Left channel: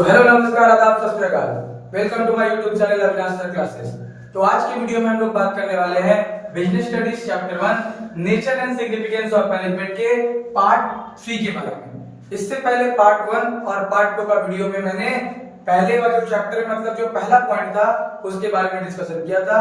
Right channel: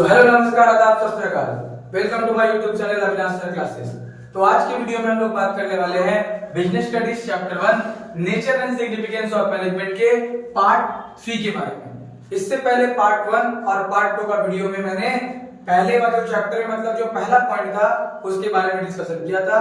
So hello नमस्कार आदाब सत श्री अकाल, welcome to my YouTube channel Avinash sir classes. तो आज की वीडियो में हम लोग बात करने वाले हैं business studies chapter 1 nature and significance of management के पार्ट 3 के बारे में। इससे पहले पार्ट 1 और पार्ट 2 का वीडियो में मैंने पहले वाले जो चैप्टर में मतलब जो पहला पॉइंट था उसके बारे में डिस्कशन किया था।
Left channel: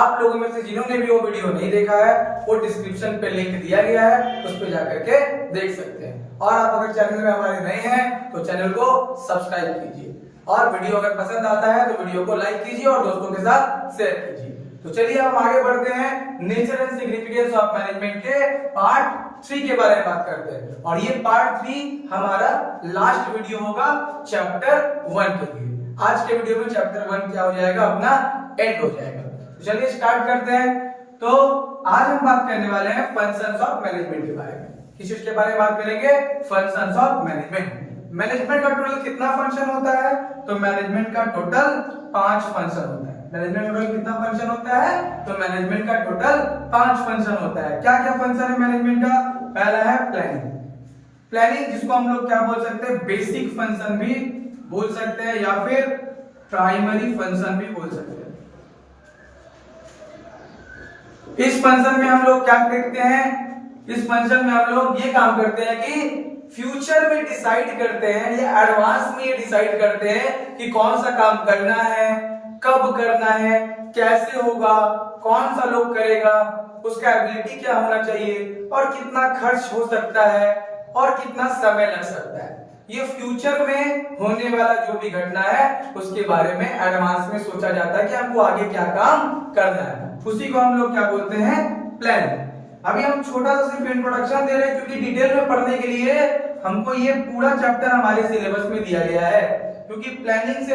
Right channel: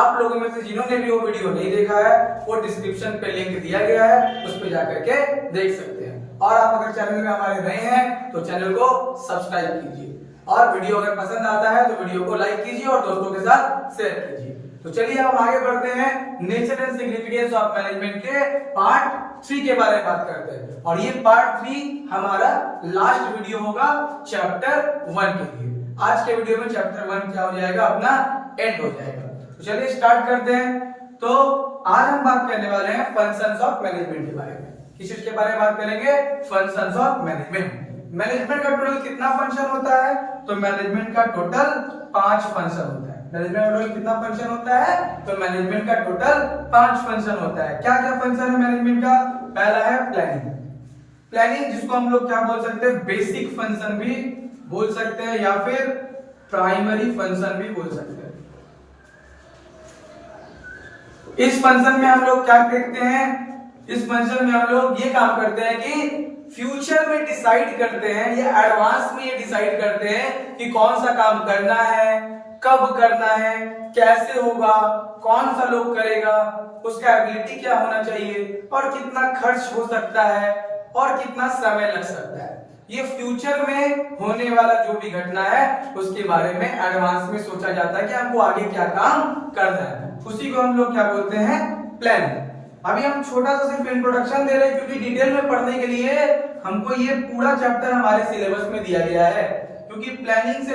आप लोगों में से जिन्होंने भी वो वीडियो नहीं देखा है वो डिस्क्रिप्शन पे लिंक दिया गया है, उस पे जाकर के देख सकते हैं। और आप अगर चैनल में हमारे नए हैं तो चैनल को सब्सक्राइब कीजिए और वीडियो अगर पसंद आता है तो वीडियो को लाइक कीजिए और दोस्तों के साथ शेयर कीजिए। तो चलिए हम आगे बढ़ते हैं, nature and significance of management के पार्ट 3 के बारे में बात करते हैं। और ये पार्ट 3 हमारा लास्ट वीडियो होगा चैप्टर 1 के लिए। आज के वीडियो में चैप्टर 1 क्या हो जाएगा, अपना एंड हो जाएगा। तो चलिए स्टार्ट करते हैं। तो आज हम बात करने वाले हैं फंक्शंस ऑफ मैनेजमेंट के बारे में। किस चीज के बारे में बात करेंगे? Functions of management. मैनेजमेंट का टोटल कितना फंक्शन होता है? तो मैनेजमेंट का टोटल 5 फंक्शन होता है। मैनेजमेंट का टोटल कितना फंक्शन होता है? तो मैनेजमेंट का टोटल 5 फंक्शन होता है। क्या क्या फंक्शन है मैनेजमेंट का? पहला है प्लानिंग। प्लानिंग जिसको हम लोग क्या बोल सकते हैं? बेसिक फंक्शन भी बोल सकते हैं या फिर प्राइमरी फंक्शन भी बोल सकते हैं। इस फंक्शन में हम लोग क्या देखते हैं? इस फंक्शन में हम लोग ये काम करते हैं कि फ्यूचर में डिसाइड करते हैं या एडवांस में ये डिसाइड करते हैं कि कौन सा काम करना है, कब करना है, कैसे होगा, कौन सा लोग करेगा, उसका एबिलिटी क्या होना चाहिए और कितना खर्च हो सकता है और कितना समय लग सकता है। ये फ्यूचर में होने वाला जो भी घटना है उसके बारे में एडवांस में सोचा जाता है कि हमको आगे क्या काम करना है। उसी को हम लोग क्या बोलते हैं? प्लान। अभी हम छोटा सा सिर्फ इंट्रोडक्शन दे रहे हैं क्योंकि डिटेल में पढ़ने के लिए हमको ये पूरा चैप्टर हमारे सिलेबस में दिया गया है। क्योंकि प्लानिंग से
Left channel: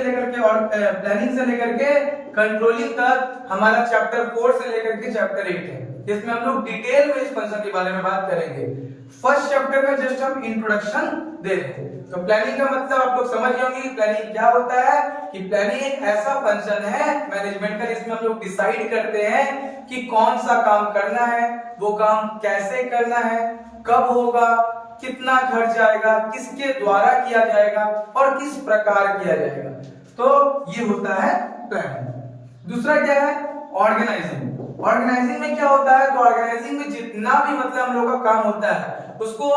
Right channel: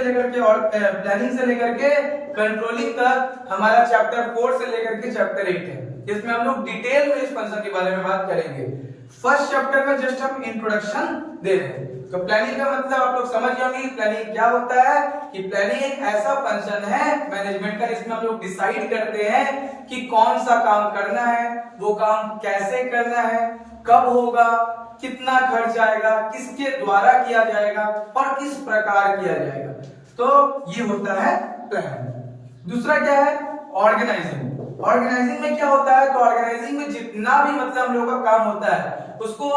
लेकर के कंट्रोलिंग तक हमारा चैप्टर 4 से लेकर के चैप्टर 8 है, जिसमें हम लोग डिटेल में इस फंक्शन के बारे में बात करेंगे। फर्स्ट चैप्टर में जस्ट हम इंट्रोडक्शन दे रहे हैं। तो प्लानिंग का मतलब आप लोग समझ जाएंगे कि प्लानिंग क्या होता है। कि प्लानिंग एक ऐसा फंक्शन है मैनेजमेंट का जिसमें हम लोग डिसाइड करते हैं कि कौन सा काम करना है, वो काम कैसे करना है, कब होगा, कितना खर्च आएगा, किसके द्वारा किया जाएगा और किस प्रकार किया जाएगा। तो ये होता है प्लानिंग। दूसरा क्या है? ऑर्गेनाइजिंग। ऑर्गेनाइजिंग में क्या होता है? तो ऑर्गेनाइजिंग में जितना भी मतलब हम लोग का काम होता है उसको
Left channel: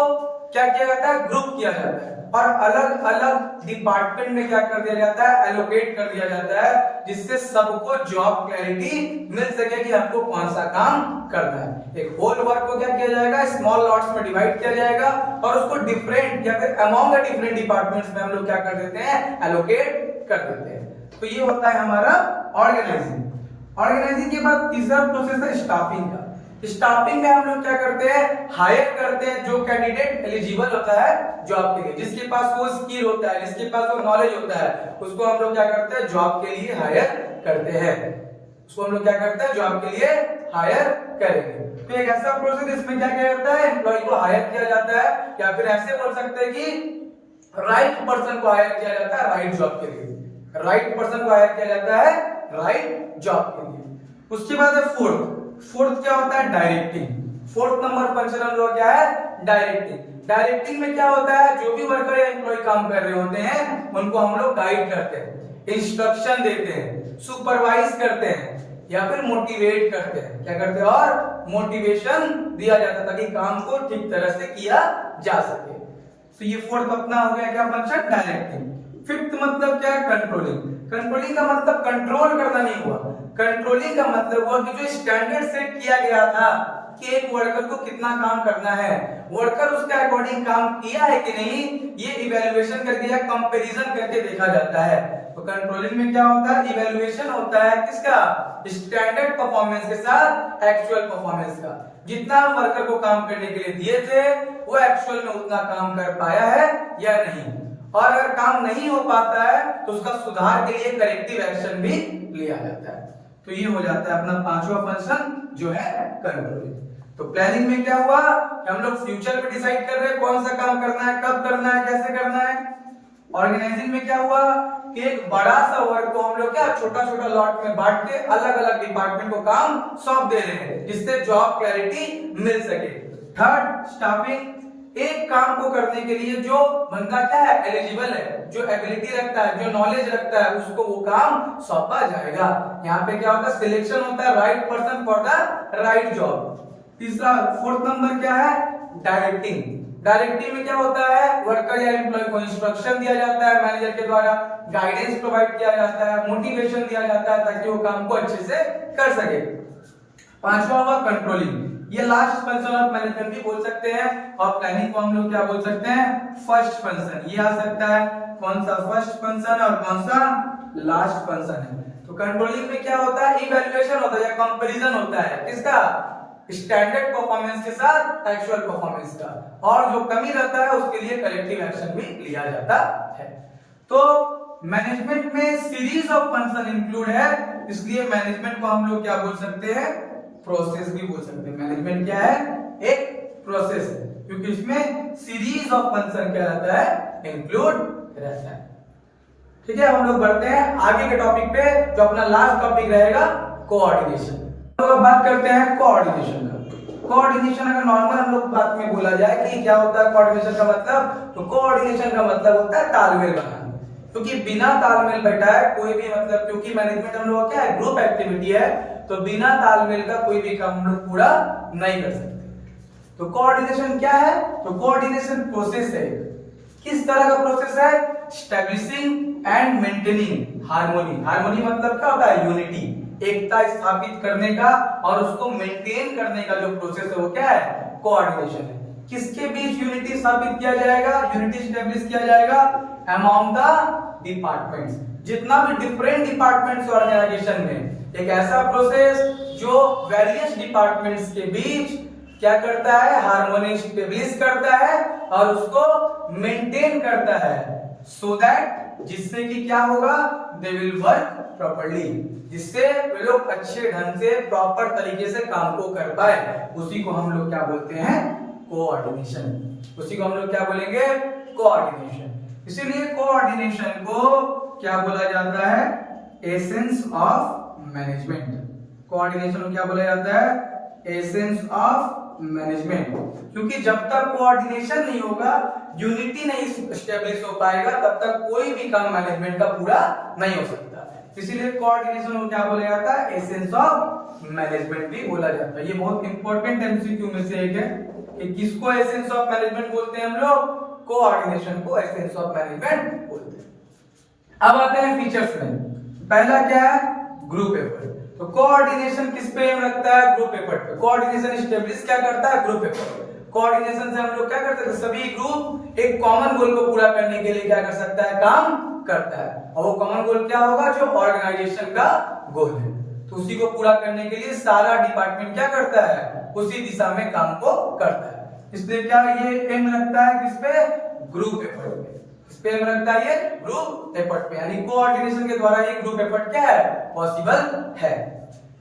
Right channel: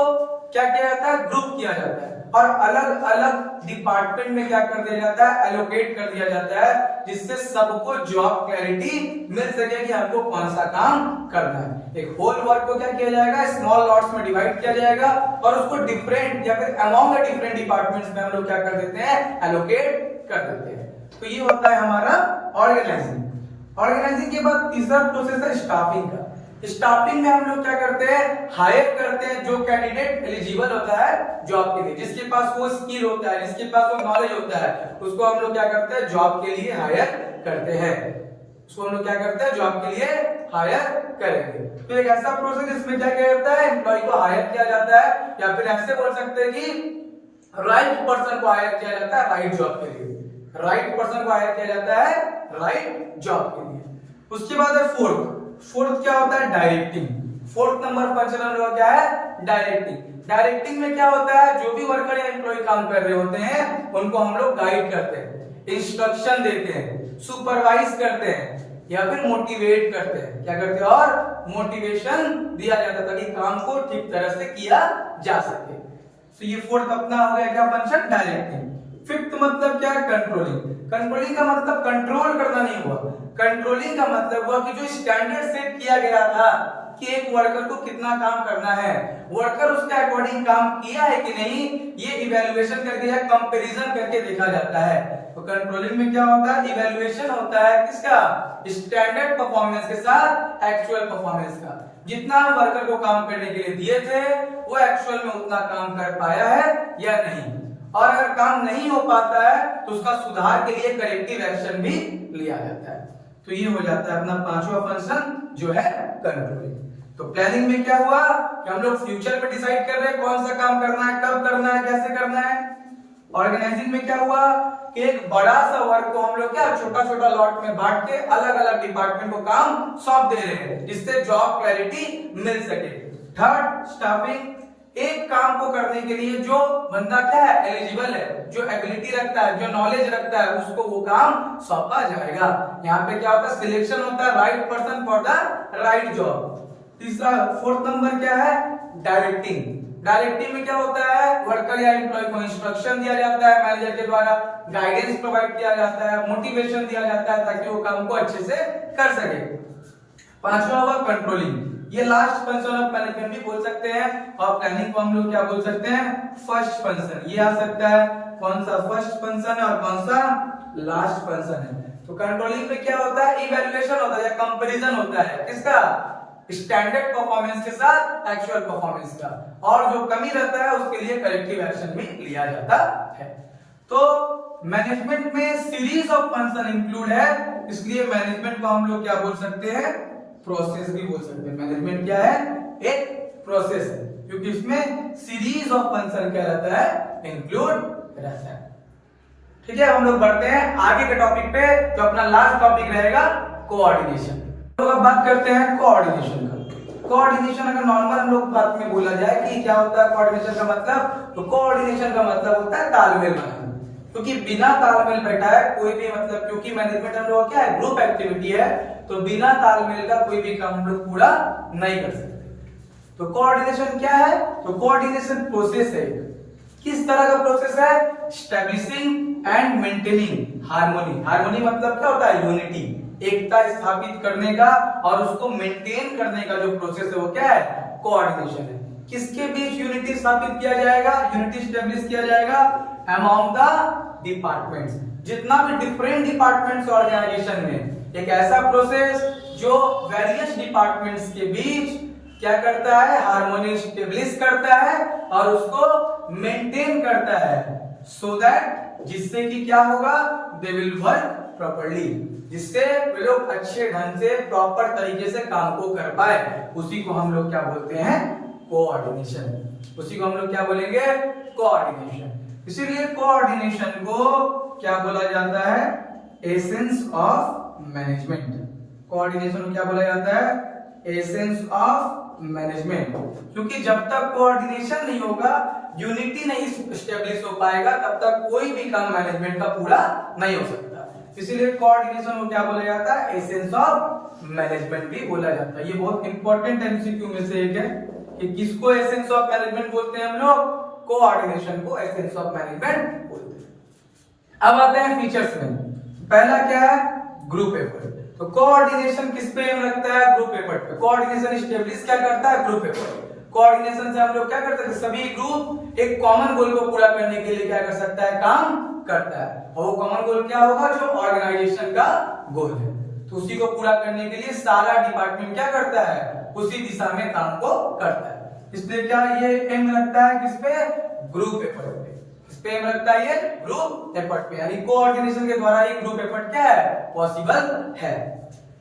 क्या किया जाता है? ग्रुप किया जाता है और अलग अलग डिपार्टमेंट में क्या कर दिया जाता है? एलोकेट कर दिया जाता है, जिससे सबको जॉब क्लैरिटी मिल सके कि हमको कौन सा काम करना है। एक होल वर्क को क्या किया जाएगा? स्मॉल लॉट्स में डिवाइड किया जाएगा और उसको डिफरेंट या फिर अमॉन्ग द डिफरेंट डिपार्टमेंट्स में हम लोग क्या कर देते हैं? एलोकेट कर देते हैं। तो ये होता है हमारा ऑर्गेनाइजिंग। ऑर्गेनाइजिंग के बाद तीसरा प्रोसेस है स्टाफिंग का। स्टाफिंग में हम लोग क्या करते हैं? हायर करते हैं जो कैंडिडेट एलिजिबल होता है जॉब के लिए, जिसके पास वो स्किल होता है, जिसके पास वो नॉलेज होता है, उसको हम लोग क्या करते हैं? जॉब के लिए हायर करते हैं। उसको हम लोग क्या करते हैं? जॉब के लिए हायर करेंगे। तो एक ऐसा प्रोसेस इसमें क्या किया जाता है? एम्प्लॉय को हायर किया जाता है या फिर ऐसे बोल सकते हैं कि राइट पर्सन को हायर किया जाता है राइट जॉब के लिए। राइट पर्सन को हायर किया जाता है राइट जॉब के लिए। उसके बाद है फोर्थ क्या होता है? डायरेक्टिंग। फोर्थ नंबर फंक्शन हम लोग क्या है? डायरेक्टिंग। डायरेक्टिंग में क्या होता है? जो भी वर्कर या एम्प्लॉय काम कर रहे होते हैं उनको हम लोग गाइड करते हैं, इंस्ट्रक्शन देते हैं, सुपरवाइज करते हैं या फिर मोटिवेट करते हैं। क्या करते हैं? और मोटिवेशन दिया जाता है ताकि काम को ठीक तरह से किया जा सके। तो ये फोर्थ अपना हो गया क्या फंक्शन? डायरेक्टिंग। फिफ्थ मतलब क्या है? कंट्रोलिंग। कंट्रोलिंग का मतलब कंट्रोल करना नहीं हुआ। कंट्रोलिंग का मतलब हुआ कि जो स्टैंडर्ड सेट किया गया था कि एक वर्कर को कितना काम करना है, वर्कर उसके अकॉर्डिंग काम किया है कि नहीं, ये इवैल्यूएशन करके या कंपैरिजन करके देखा जाता है। तो कंट्रोलिंग में क्या होता है? इवैल्यूएशन होता है किसका? स्टैंडर्ड परफॉर्मेंस के साथ एक्चुअल परफॉर्मेंस का। जितना वर्कर को काम करने के लिए दिए थे वो एक्चुअल में उतना काम कर पाया है या नहीं, और अगर काम नहीं हो पाता है तो उसका सुधार के लिए करेक्टिव एक्शन भी लिया जाता है। तो ये हो जाता है अपना पांचवा फंक्शन जो है कंट्रोलिंग। तो प्लानिंग में क्या हुआ? हम लोग फ्यूचर में डिसाइड कर रहे हैं कौन सा काम करना है, कब करना है, कैसे करना है। ऑर्गेनाइजिंग में क्या हुआ कि एक बड़ा सा वर्क को हम लोग क्या छोटा छोटा लॉट में बांट के अलग अलग डिपार्टमेंट को काम सौंप दे रहे हैं जिससे जॉब क्लैरिटी मिल सके। Third staffing. एक काम को करने के लिए जो बंदा क्या है, एलिजिबल है, जो एबिलिटी रखता है, जो नॉलेज रखता है, उसको वो काम सौंपा जाएगा। यहाँ पे क्या होता है, सिलेक्शन होता है, right person for the right job. तीसरा, फोर्थ नंबर क्या है, डायरेक्टिंग। डायरेक्टिंग में क्या होता है, वर्कर या एम्प्लॉय को इंस्ट्रक्शन दिया जाता है मैनेजर के द्वारा, गाइडेंस प्रोवाइड किया जाता है, मोटिवेशन दिया जाता है ताकि वो काम को अच्छे से कर सके। पांचवा हुआ कंट्रोलिंग। ये लास्ट फंक्शन ऑफ मैनेजमेंट भी बोल सकते हैं, और प्लानिंग को हम लोग क्या बोल सकते हैं, फर्स्ट फंक्शन। ये आ सकता है कौन सा, फर्स्ट फंक्शन और कौन सा लास्ट फंक्शन है। तो कंट्रोलिंग में क्या होता है, इवैल्यूएशन होता है या कंपैरिजन होता है, किसका, स्टैंडर्ड परफॉर्मेंस के साथ एक्चुअल परफॉर्मेंस का, और जो कमी रहता है उसके लिए करेक्टिव एक्शन भी लिया जाता है। तो मैनेजमेंट में सीरीज ऑफ फंक्शन इंक्लूड है, इसलिए मैनेजमेंट को हम लोग क्या बोल सकते हैं, प्रोसेस भी बोल सकते हैं। मैनेजमेंट क्या है, एक प्रोसेस है, क्योंकि इसमें सीरीज ऑफ फंक्शन क्या रहता है, इंक्लूड रहता है। ठीक है, हम लोग बढ़ते हैं आगे के टॉपिक पे, जो अपना लास्ट टॉपिक रहेगा, कोऑर्डिनेशन। तो अब बात करते हैं कोऑर्डिनेशन का। कोऑर्डिनेशन अगर नॉर्मल हम लोग बात में बोला जाए कि क्या होता है कोऑर्डिनेशन का मतलब, तो कोऑर्डिनेशन का मतलब होता है तालमेल बनाना। क्योंकि बिना तालमेल बैठाए कोई भी मतलब, क्योंकि मैनेजमेंट हम लोग क्या है, ग्रुप एक्टिविटी है, तो बिना तालमेल का कोई भी काम हम लोग पूरा नहीं कर सकते। तो कोऑर्डिनेशन क्या है, तो कोऑर्डिनेशन प्रोसेस है। किस तरह का प्रोसेस है, establishing and maintaining harmony. Harmony मतलब क्या होता है, यूनिटी, एकता स्थापित करने का और उसको मेंटेन करने का जो प्रोसेस है वो क्या है, कोऑर्डिनेशन है। किसके बीच यूनिटी स्थापित किया जाएगा, यूनिटी स्टैब्लिश किया जाएगा अमॉन्ग द डिपार्टमेंट्स, जितना भी डिफरेंट डिपार्टमेंट्स ऑर्गेनाइजेशन में, एक ऐसा प्रोसेस जो वेरियस डिपार्टमेंट्स के बीच क्या करता है, हार्मोनी स्टैब्लिश करता है और उसको मेंटेन करता है, सो दैट जिससे कि क्या होगा, दे विल वर्क प्रॉपर्ली, जिससे वे लोग अच्छे ढंग से प्रॉपर तरीके से काम को कर पाए। उसी को हम लोग क्या बोलते हैं, कोऑर्डिनेशन। उसी को हम लोग क्या बोलेंगे, कोऑर्डिनेशन। इसीलिए कोऑर्डिनेशन को क्या बोला जाता है, एसेंस ऑफ मैनेजमेंट। कोऑर्डिनेशन को क्या बोला जाता है, एसेंस ऑफ मैनेजमेंट। क्योंकि जब तक कोऑर्डिनेशन नहीं होगा, यूनिटी नहीं स्टैब्लिश हो पाएगा, तब तक कोई भी काम मैनेजमेंट का पूरा नहीं हो सकता। इसीलिए कोऑर्डिनेशन को क्या बोला जाता है, एसेंस ऑफ मैनेजमेंट भी बोला जाता है। ये बहुत इंपॉर्टेंट एमसीक्यू में से एक है कि किसको एसेंस ऑफ मैनेजमेंट बोलते हैं हम लोग, कोऑर्डिनेशन को एसेंस ऑफ मैनेजमेंट बोलते हैं। अब आते हैं फीचर्स में। पहला क्या है, ग्रुप एफर्ट। तो कोऑर्डिनेशन किस पे रखता है, ग्रुप एफर्ट पे। कोऑर्डिनेशन स्टैब्लिश क्या करता है, ग्रुप एफर्ट। कोऑर्डिनेशन से हम लोग क्या करते हैं, सभी ग्रुप एक कॉमन गोल को पूरा करने के लिए क्या कर सकता है, काम करता है। और वो कॉमन गोल क्या होगा, जो ऑर्गेनाइजेशन का गोल है। तो उसी को पूरा करने के लिए सारा डिपार्टमेंट क्या करता है, उसी दिशा में काम को करता है। इसलिए क्या ये एम रखता है किस पे, ग्रुप एफर्ट पे। इस पे एम रखता है ये ग्रुप एफर्ट पे, यानी कोऑर्डिनेशन के द्वारा ये ग्रुप एफर्ट क्या है, पॉसिबल है।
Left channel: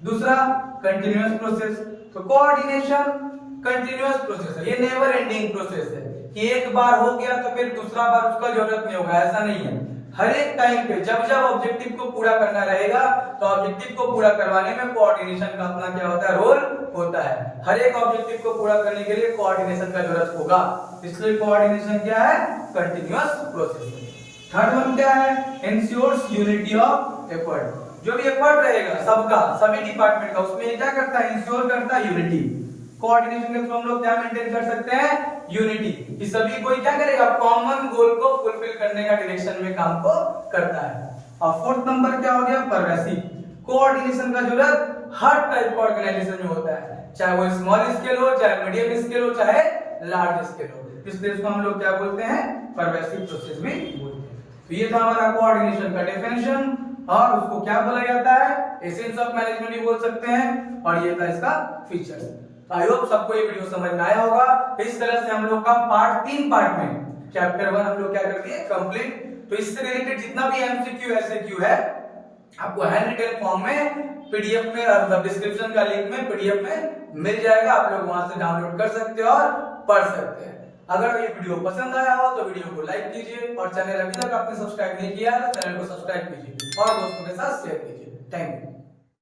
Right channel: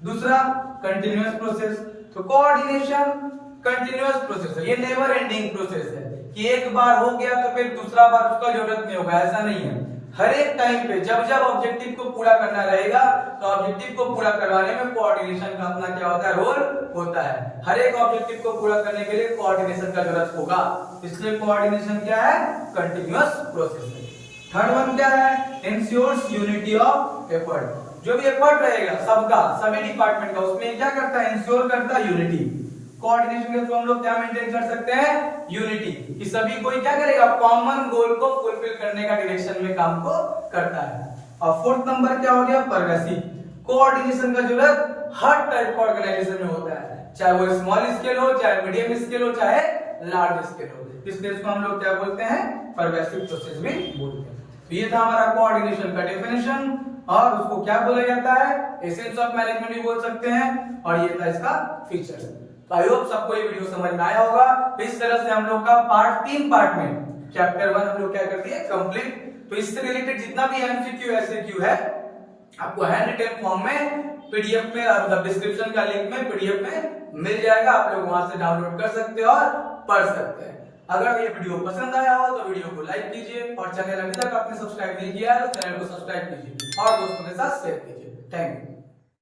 दूसरा, कंटिन्यूअस प्रोसेस। तो कोऑर्डिनेशन कंटिन्यूअस प्रोसेस है, ये नेवर एंडिंग प्रोसेस है कि एक बार हो गया तो फिर दूसरा बार उसका जरूरत नहीं होगा, ऐसा नहीं है। हर एक टाइम पे जब जब ऑब्जेक्टिव को पूरा करना रहेगा, तो ऑब्जेक्टिव को पूरा करवाने में कोऑर्डिनेशन का अपना क्या होता है, रोल होता है। हर एक ऑब्जेक्टिव को पूरा करने के लिए कोऑर्डिनेशन का जरूरत होगा, इसलिए कोऑर्डिनेशन क्या है, कंटिन्यूअस प्रोसेस। थर्ड वन क्या है, इंश्योर्स यूनिटी ऑफ एफर्ट। जो भी एफर्ट रहेगा सबका, सभी डिपार्टमेंट का, उसमें क्या करता है, इंश्योर करता है यूनिटी। कोऑर्डिनेशन के थ्रू हम लोग क्या मेंटेन कर सकते हैं, यूनिटी, कि सभी कोई क्या करेगा, कॉमन गोल को फुलफिल करने का डायरेक्शन में काम को करता है। और फोर्थ नंबर क्या हो गया, परवेसिव। कोऑर्डिनेशन का जरूरत हर टाइप का ऑर्गेनाइजेशन में होता है, चाहे वो स्मॉल स्केल हो, चाहे मीडियम स्केल हो, चाहे लार्ज स्केल हो। इसलिए इसको हम लोग क्या बोलते हैं, परवेसिव प्रोसेस भी बोलते हैं। तो ये था हमारा कोऑर्डिनेशन का डेफिनेशन, और उसको क्या बोला जाता है, एसेंस ऑफ मैनेजमेंट भी बोल सकते हैं, और ये था इसका फीचर्स। आई होप सबको ये वीडियो समझ में आया होगा। तो इस तरह से हम लोग का तीन पार्ट में चैप्टर 1 हम लोग क्या करते हैं, कंप्लीट। तो इससे रिलेटेड जितना भी एमसीक्यू एसएक्यू है, आपको हैंड रिटन फॉर्म में, पीडीएफ में, और डिस्क्रिप्शन का लिंक में पीडीएफ में मिल जाएगा। आप लोग वहां से डाउनलोड कर सकते हो और पढ़ सकते हैं। अगर ये वीडियो पसंद आया हो तो वीडियो को लाइक कीजिए, और चैनल अभी तक आपने सब्सक्राइब नहीं किया है तो चैनल को सब्सक्राइब कीजिए और दोस्तों के साथ शेयर कीजिए। Thank you.